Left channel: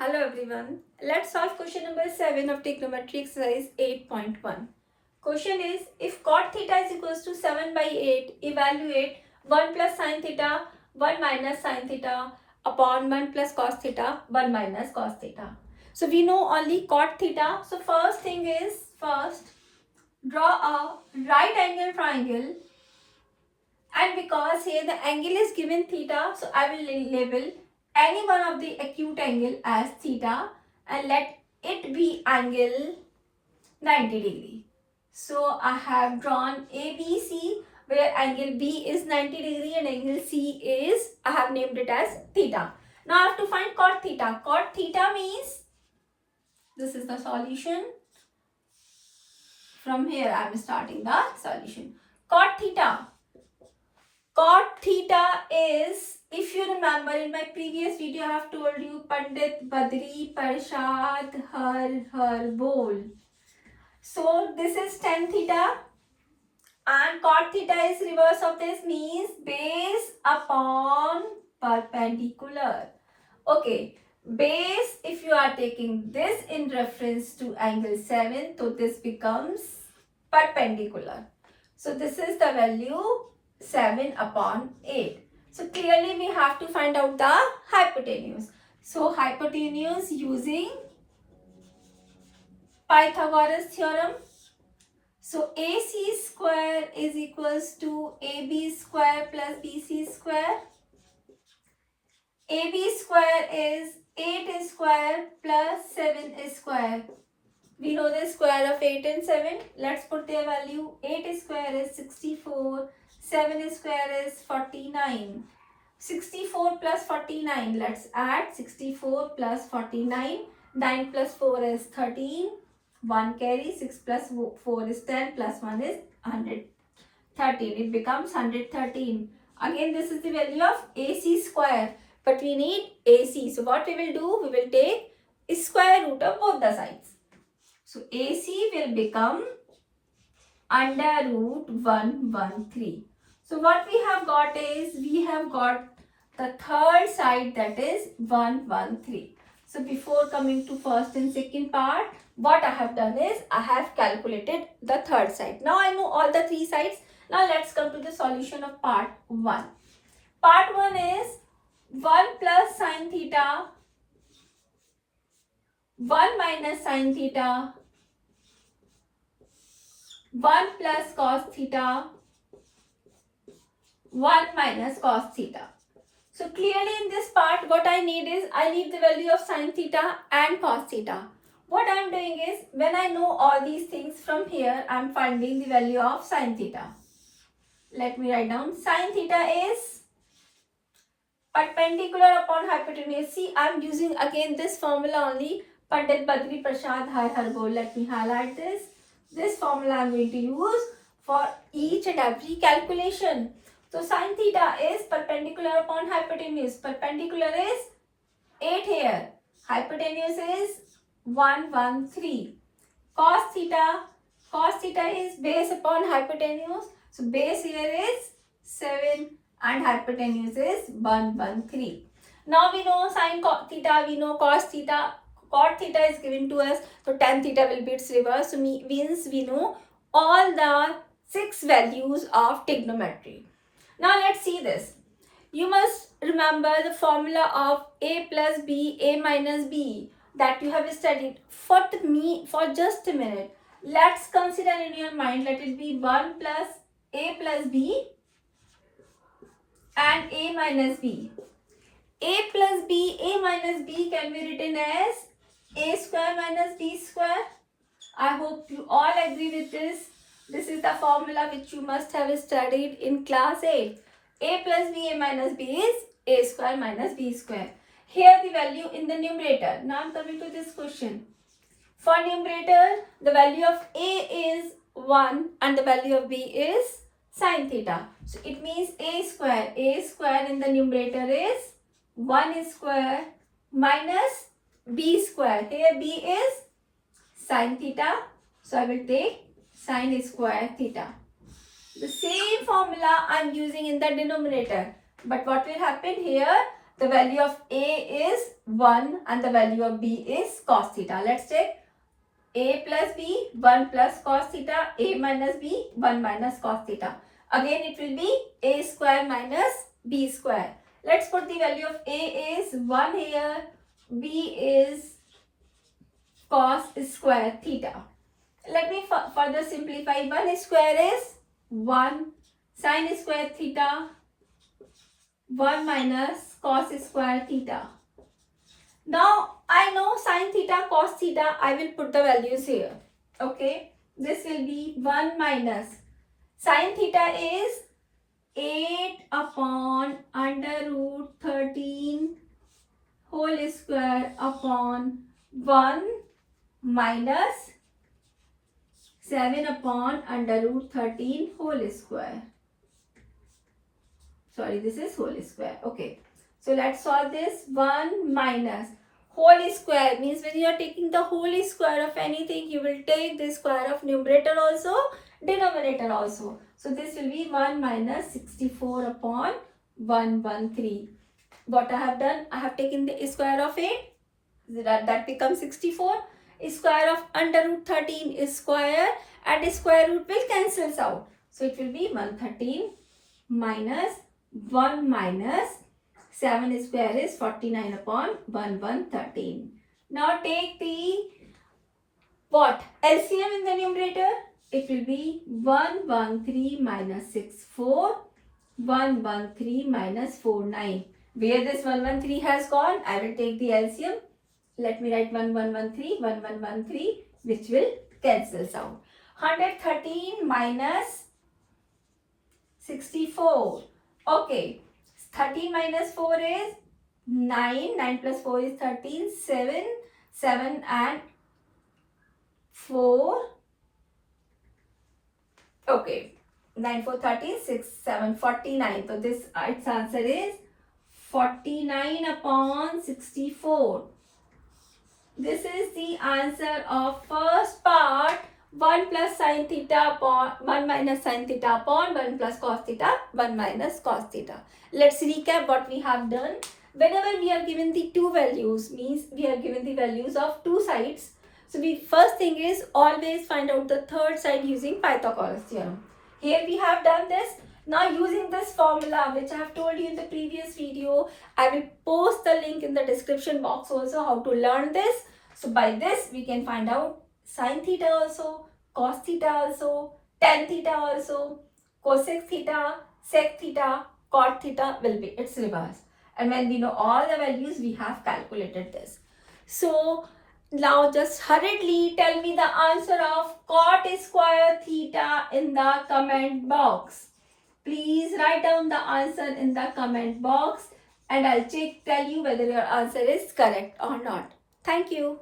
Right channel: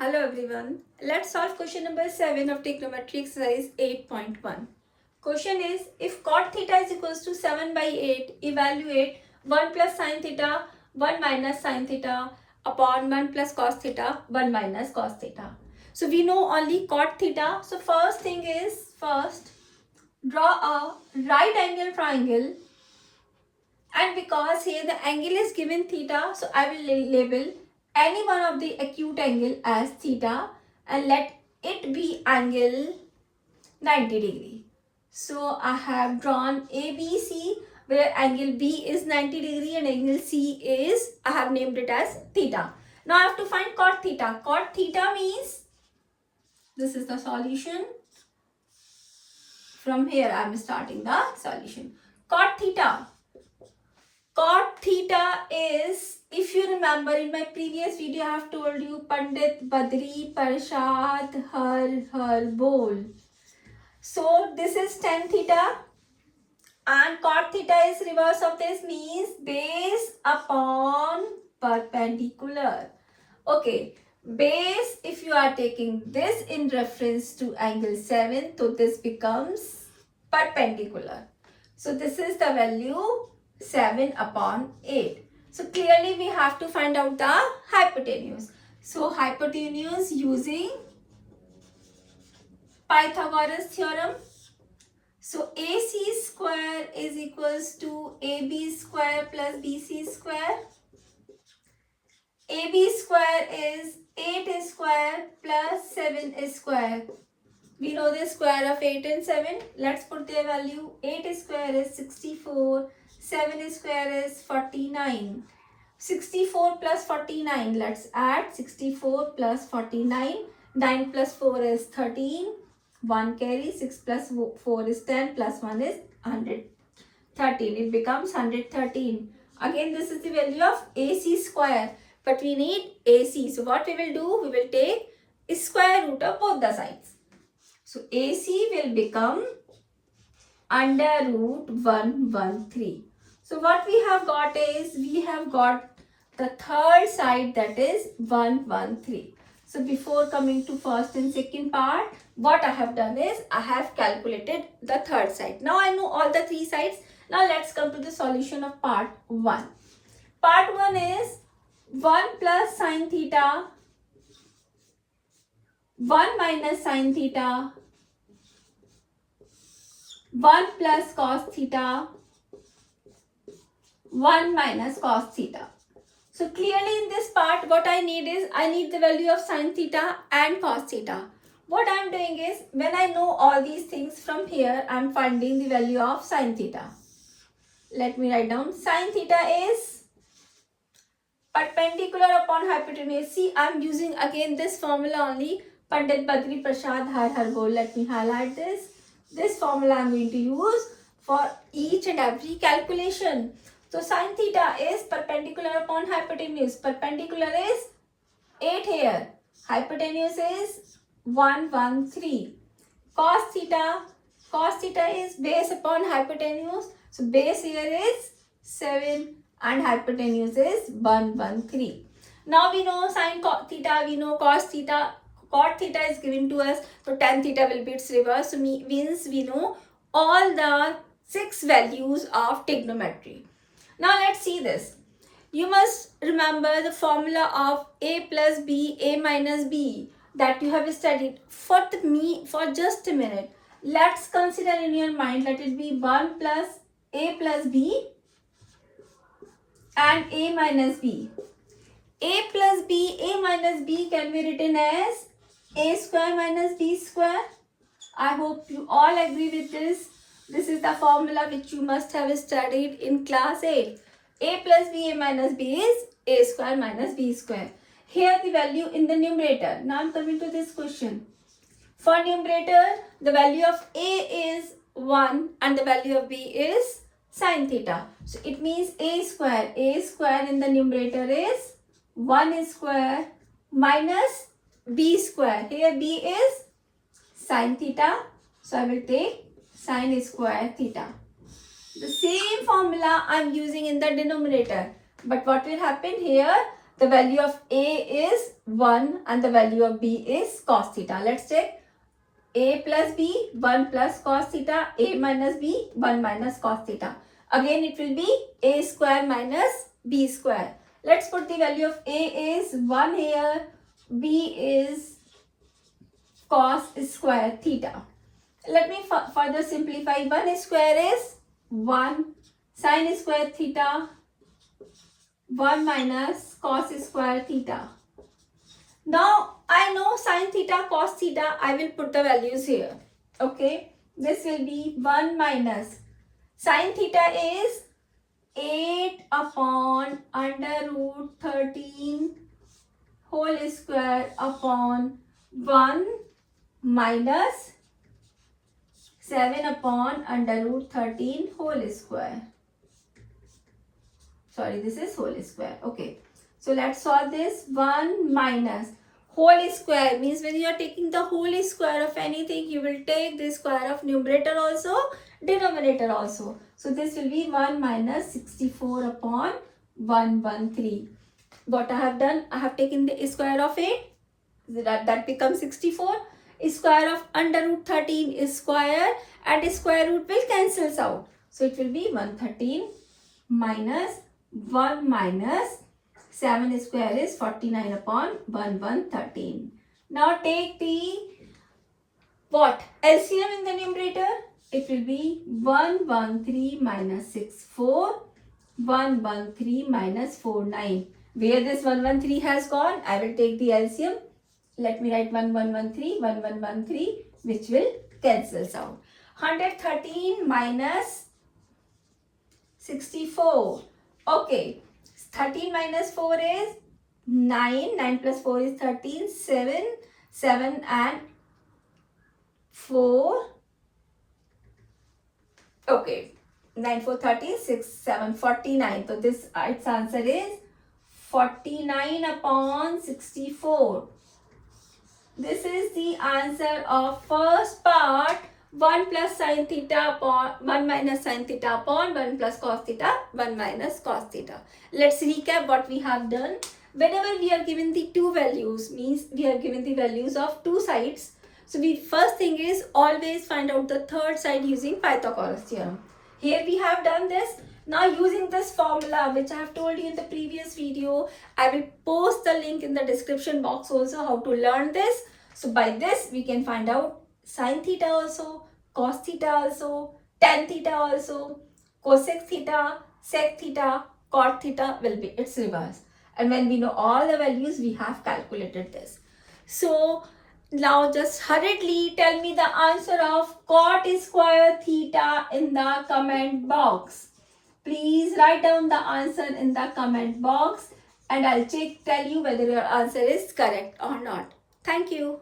Hello everyone. Let's solve question number 7 of trigonometry exercise 8.1. Question is, if cot theta is equals to 7 by 8, evaluate 1 plus sin theta, 1 minus sin theta upon 1 plus cos theta, 1 minus cos theta. So we know only cot theta. So first thing is, first draw a right angle triangle, and because here the angle is given theta, so I will label any one of the acute angle as theta and let it be angle 90 degree. So I have drawn ABC where angle B is 90 degree and angle C is, I have named it as theta. Now I have to find cot theta. Cot theta means, this is the solution. From here I am starting the solution. Cot theta. Cot theta is, if you remember in my previous video, I have told you Pandit Badri Parshad Har Bol. So this is tan theta and cot theta is reverse of this, means base upon perpendicular. Okay, base, if you are taking this in reference to angle 7, so this becomes perpendicular. So this is the value 7 upon 8. So clearly we have to find out the hypotenuse. So hypotenuse using Pythagoras theorem. So AC square is equals to AB square plus BC square. AB square is 8 square plus 7 square. We know the square of 8 and 7. Let's put their value. 8 square is 64. 7 square is 49. 64 plus 49. Let's add 64 plus 49. 9 plus 4 is 13. 1 carry. 6 plus 4 is 10. Plus 1 is 113. It becomes 113. Again, this is the value of AC square. But we need AC. So what we will do? We will take square root of both the sides. So AC will become under root 113. So what we have got is, we have got the third side, that is 113. So before coming to first and second part, what I have done is, I have calculated the third side. Now I know all the three sides. Now let's come to the solution of part 1. Part 1 is 1 plus sin theta, 1 minus sin theta, 1 plus cos theta, 1 minus cos theta. So clearly in this part, what I need is, I need the value of sin theta and cos theta. What I am doing is, when I know all these things from here, I am finding the value of sin theta. Let me write down. Sin theta is perpendicular upon hypotenuse. See, I am using again this formula only. Pandit Badri Prasad Har Bol. Let me highlight this. This formula I am going to use for each and every calculation. So sin theta is perpendicular upon hypotenuse. Perpendicular is 8 here. Hypotenuse is 113. Cos theta is base upon hypotenuse. So base here is 7 and hypotenuse is 113. Now we know sin theta, we know cos theta. Cot theta is given to us, so tan theta will be its reverse. So means we know all the 6 values of trigonometry. Now let's see this. You must remember the formula of A plus B, A minus B that you have studied. For just a minute, let's consider in your mind, let it be 1 plus A plus B and A minus B. A plus B, A minus B can be written as A square minus B square. I hope you all agree with this. This is the formula which you must have studied in class 8. A plus B, A minus B is A square minus B square. Here the value in the numerator. Now I am coming to this question. For numerator, the value of A is 1 and the value of B is sin theta. So it means A square in the numerator is 1 square minus B square. Here B is sin theta. So I will take sin square theta. The same formula I am using in the denominator. But what will happen here? The value of A is 1 and the value of B is cos theta. Let's check. A plus B, 1 plus cos theta. A minus B, 1 minus cos theta. Again it will be A square minus B square. Let's put the value of A is 1 here. B is cos square theta. Let me further simplify. 1 square is 1 sin square theta, 1 minus cos square theta. Now I know sin theta, cos theta. I will put the values here. Okay. This will be 1 minus sin theta is 8 upon under root 13 whole square upon 1 minus 7 upon under root 13 whole square. Sorry, this is whole square. Okay. So let's solve this. 1 minus whole square means when you are taking the whole square of anything, you will take the square of numerator also, denominator also. So this will be 1 minus 64 upon 113. What I have done, I have taken the square of 8. That becomes 64. Square of under root 13 is square and square root will cancels out. So it will be 113 minus 1 minus 7 square is 49 upon 113. Now take the what? LCM in the numerator. It will be 113 minus 64, 113 minus 49. Where this 113 has gone, I will take the LCM. Let me write 1113, which will cancels out. 113 minus 64. Okay. 13 minus 4 is 9. 9 plus 4 is 13. 7. 7 and 4. Okay. 9, 4, 13. 6, 7, 49. So this its answer is 49 upon 64. This is the answer of first part. 1 plus sin theta upon 1 minus sin theta upon 1 plus cos theta, 1 minus cos theta. Let's recap what we have done. Whenever we are given the two values, means we are given the values of two sides. So the first thing is always find out the third side using Pythagoras theorem. Here we have done this. Now using this formula which I have told you in the previous video, I will post the link in the description box also how to learn this. So by this we can find out sin theta also, cos theta also, tan theta also, cosec theta, sec theta, cot theta will be its reverse. And when we know all the values, we have calculated this. So now just hurriedly tell me the answer of cot square theta in the comment box. Please write down the answer in the comment box and I'll tell you whether your answer is correct or not. Thank you.